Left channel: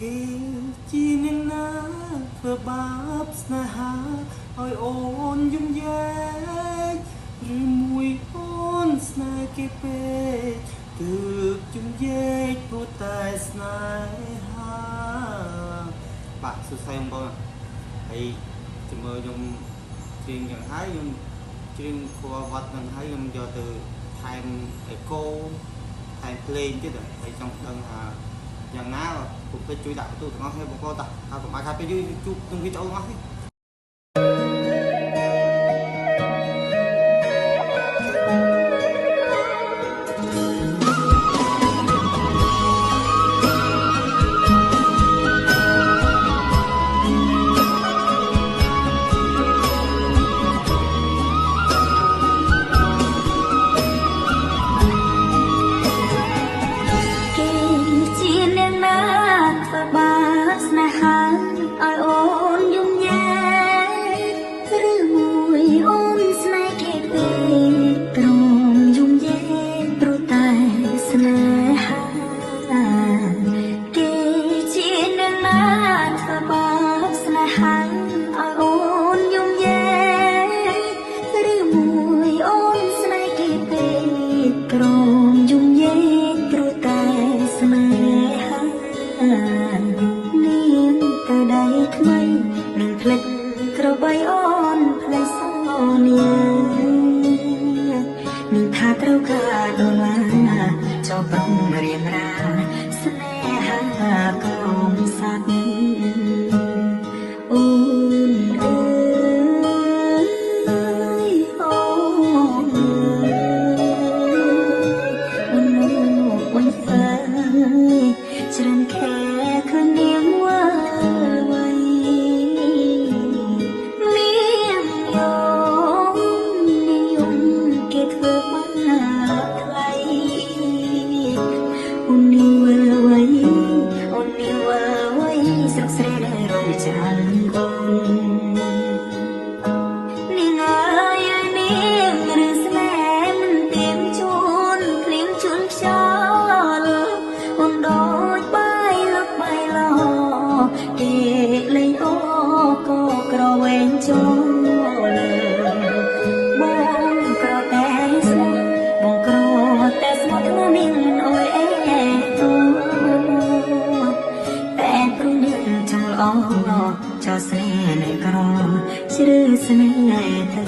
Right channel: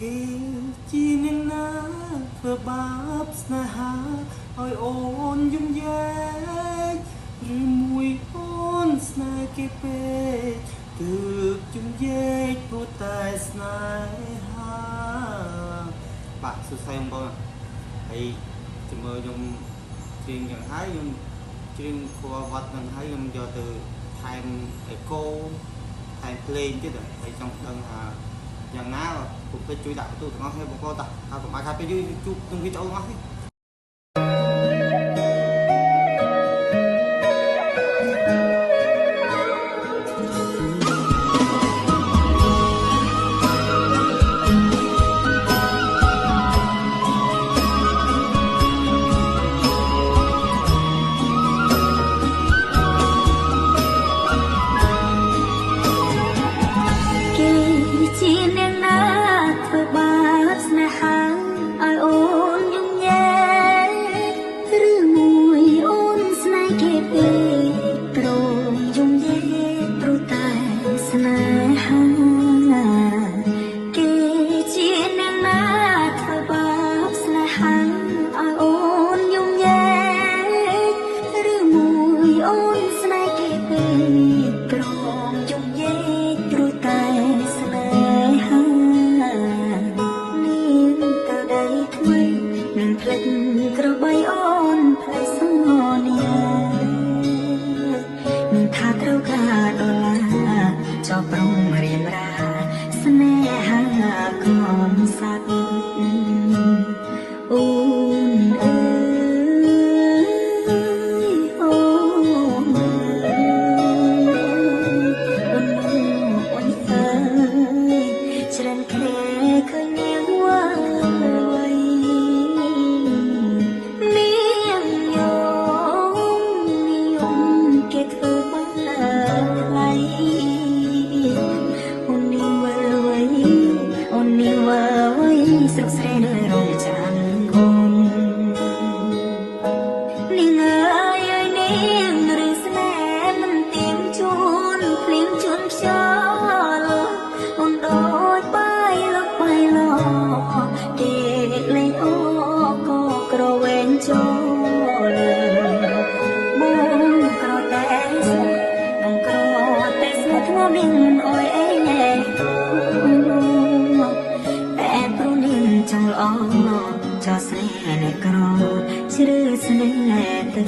គេជាអ្នកណាធ្វើបាបស្នេហាឲ្យអូនយំយែកឬមួយអូនស្នេហ៍គេពេកទើបយំយែកព្រោះតែស្នេហាបាទសួស្តីបងប្អូនហើយជាមួយខ្ញុំច្រៀងយ៉ាងហើយខ្ញុំច្រៀងខួរវត្តនឹងហើយខ្ញុំយកទៅថែមអេកូថែមភ្លេងទៀតហើយចង់ដឹងថាយ៉ាងណាពុកពេជ្រជួយដាក់បន្ទូទាំងអស់គ្នាបងប្អូនតាហើយកុំឲ្យខាតពេលយូរជួបនឹងវីដេអូទាំងអស់នេះក្របីអូនផ្លែសនេះនឹងថាត្រូវការដុល្លារចោលប្រងរៀនរាស្នេហាកូនសត្វអូនអើយអូនអូនអូនអើយច្រំខែឃើញនាងវ៉ាជួលបងក្រតែបងក្រតែស្មោះធ្ងន់នាងមិនអើយអែទូតែព្រោះនាងចង់ល្អចោលស្នេហ៍អ្នកក្រជ្រើស្នេហ៍ទៅ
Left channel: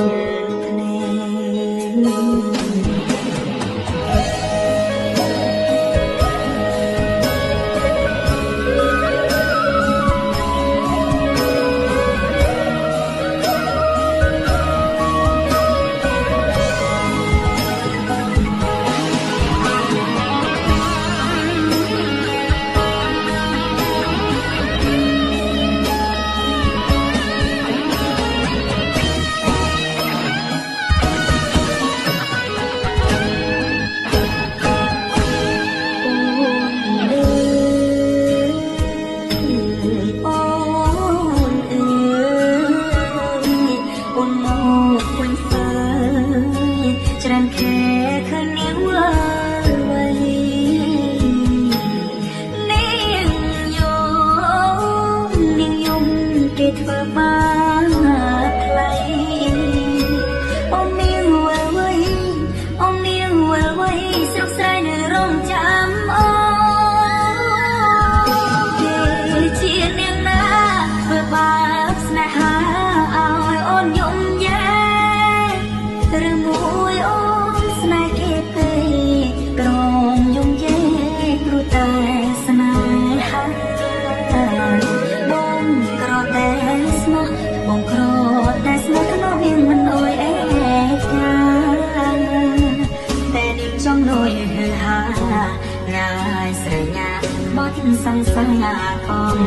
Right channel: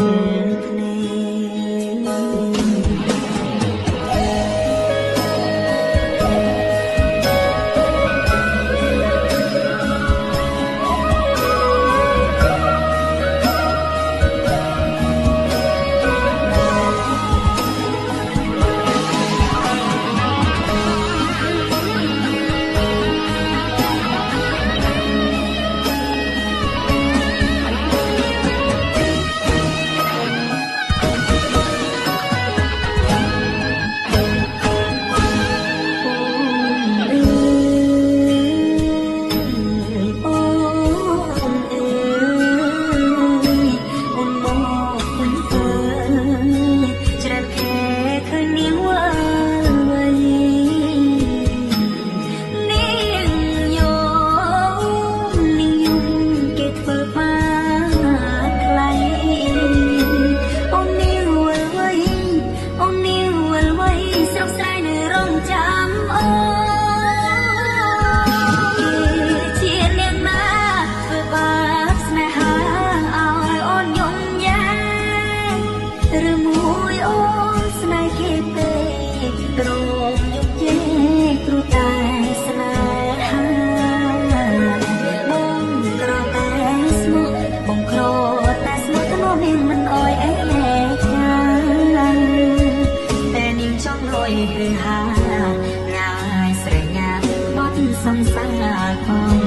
ងាយស្រែកញាបត់សង្សារផង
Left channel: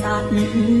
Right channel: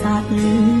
សត់